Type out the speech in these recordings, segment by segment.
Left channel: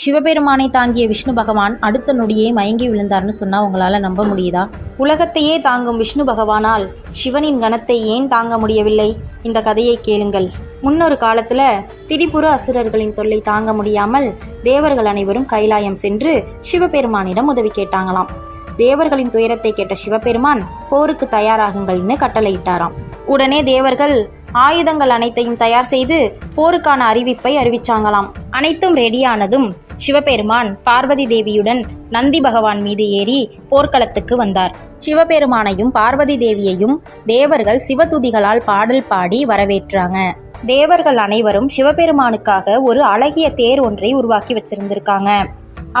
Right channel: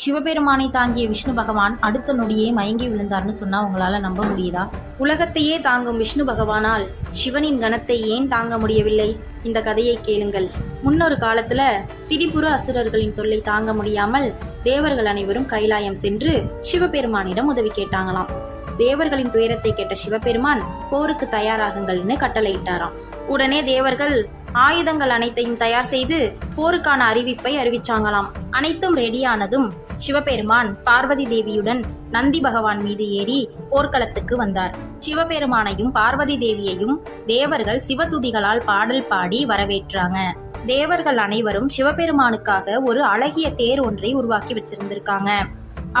சிவபெருமானை தாங்கிய விஷ்ணு பகவான் அடுத்த நொடியே மயங்கி விழுந்தார்னு சொன்னா உங்களால நம்ப முடியுதா? உலகத்தையே தாங்கும் விஷ்ணு பகவானால் சிவனின் கணத்தை ஏன் தாங்க முடியவில்லை? இந்த கதையை கேளுங்கள். முன்னொரு காலத்துல திரிபுர அசுரர்களின் தொல்லை தாங்க முடியாமல் தேவர்கள் அனைவரும் கைலாயம் சென்று சிவபெருமானிடம் உதவி கேட்டாங்களாம். தேவர்களின் துயரத்தை கேட்ட சிவபெருமான் போருக்கு தயாராகுங்கள்னு கட்டளையிட்டாராம். உடனே தேவர்கள் ஆயுதங்கள் அனைத்தையும் தயார் செய்து போருக்கான அறிவிப்பை அறிவிச்சாங்களாம். அனைத்தும் ரெடியானதும் சிவபெருமான் பார்வதி தேவியுடன் நந்தி பகவான் மீது ஏறி போர்க்களத்துக்கு வந்தார். சிவபெருமானையும் பார்வதி தேவியையும் தேவர்கள் சிவதுதிகளால் பாடல் பாடி வரவேற்றாங்க. தேவர்கள் அனைவரும் சிவபெருமானுக்காக ஒரு அழகிய தேர் ஒன்றை உருவாக்கி வச்சிருந்திருக்காங்க.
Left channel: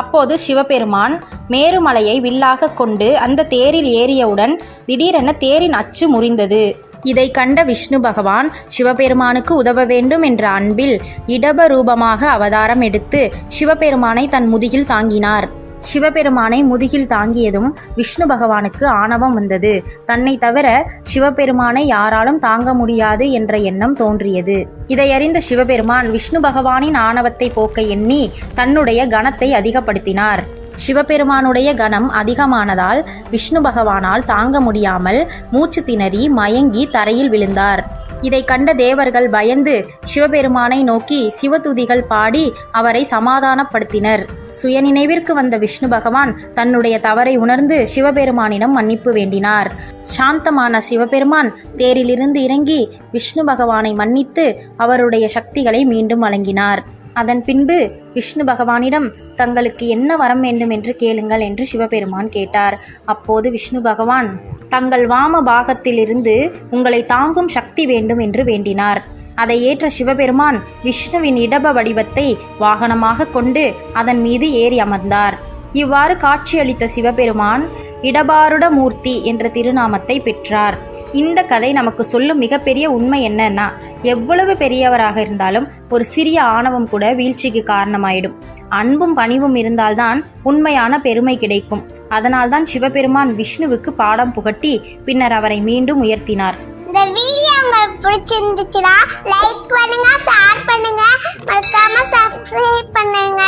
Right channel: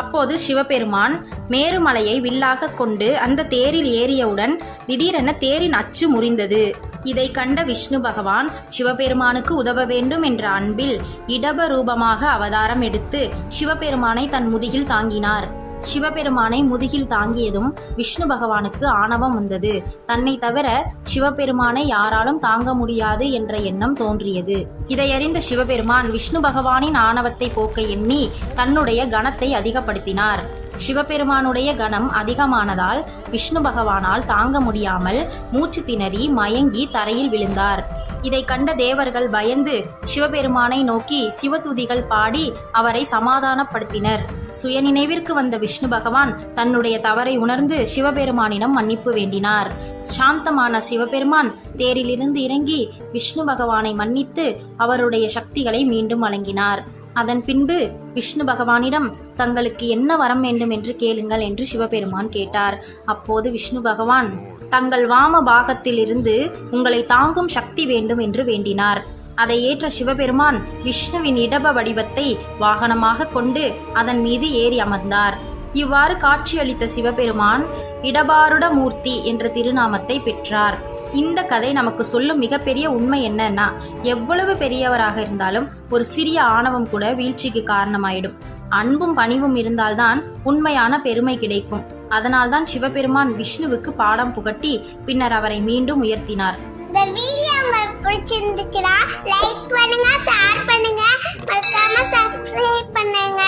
அப்போது சிவபெருமான் மேருமலையை வில்லாக கொண்டு அந்த தேரில் ஏறியவுடன் திடீரென தேரின் அச்சு முறிந்தது. இதை கண்ட விஷ்ணு பகவான் சிவபெருமானுக்கு உதவ வேண்டும் என்ற அன்பில் இடப ரூபமாக அவதாரம் எடுத்து சிவபெருமானை தன் முதுகில் தாங்கினார். சிவபெருமானை முதுகில் தாங்கியதும் விஷ்ணு பகவானுக்கு ஆணவம் வந்தது. தன்னை தவிர சிவபெருமானை யாராலும் தாங்க முடியாது என்ற எண்ணம் தோன்றியது. இதையறிந்த சிவபெருமான் விஷ்ணு பகவானின் ஆணவத்தை போக்க எண்ணி தன்னுடைய கணத்தை அதிகப்படுத்தினார். சிவபெருமானுடைய கணம் அதிகமானதால் விஷ்ணு பகவானால் தாங்க முடியாமல் மூச்சு திணறி மயங்கி தரையில் விழுந்தார். இதை கண்ட தேவர்கள் பயந்து சிவபெருமானை நோக்கி சிவதுதிகள் பாடி அவரை சமாதானப்படுத்தினர். சுயநினைவிற்கு வந்த விஷ்ணு பகவான் தன்னுடைய தவறை உணர்ந்து சிவபெருமானிடம் மன்னிப்பு வேண்டினார். சாந்தமான சிவபெருமான் தேரிலிருந்து இறங்கி விஷ்ணு பகவானை மன்னித்து அவருடைய சக்திகளை மீண்டும் வழங்கினார். அதன் பின்பு விஷ்ணு பகவானிடம் தங்களுக்கு என்ன வரம் வேண்டும் என்று கேளுங்கள் என்று சிவபெருமான் கேட்டார். அப்போது விஷ்ணு பகவான் தங்கள் வாம பாகத்திலிருந்து உங்களை தாங்கும் சக்தி வேண்டும் என்று வேண்டினார். அதை ஏற்ற சிவபெருமான் விஷ்ணுவின் இடப வடிவத்தை வாகனமாக கொண்டு அதன் மீது ஏறி அமர்ந்தார். இவ்வாறு காட்சியளித்த சிவபெருமான் இடபாருட மூர்த்தி என்ற திருநாமத்தை பெற்றார். இந்த கதை நமக்கு சொல்லும் மிகப்பெரிய உண்மை என்னன்னா, எவ்வளவு பெரியவராக இருந்தாலும் ஒரு சிறிய ஆணவம் கூட வீழ்ச்சிக்கு காரணமாயிடும். அன்பும் பணிவும் இருந்தால்தான் உண்மையான பெருமை கிடைக்கும். அதனால்தான் சிவபெருமான் விஷ்ணுவுக்கு பாடம் புகட்டி பின்னர் அவரை மீண்டும் உயர்த்தினார். இந்த வீடியோ உங்களுக்கு பிடிச்சிருந்துச்சுன்னா லைக் பண்ணுங்க, ஷேர் பண்ணுங்க, மறக்காம சப்ஸ்கிரைப் பண்ணுங்க.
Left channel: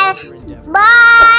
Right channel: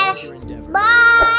பாய்.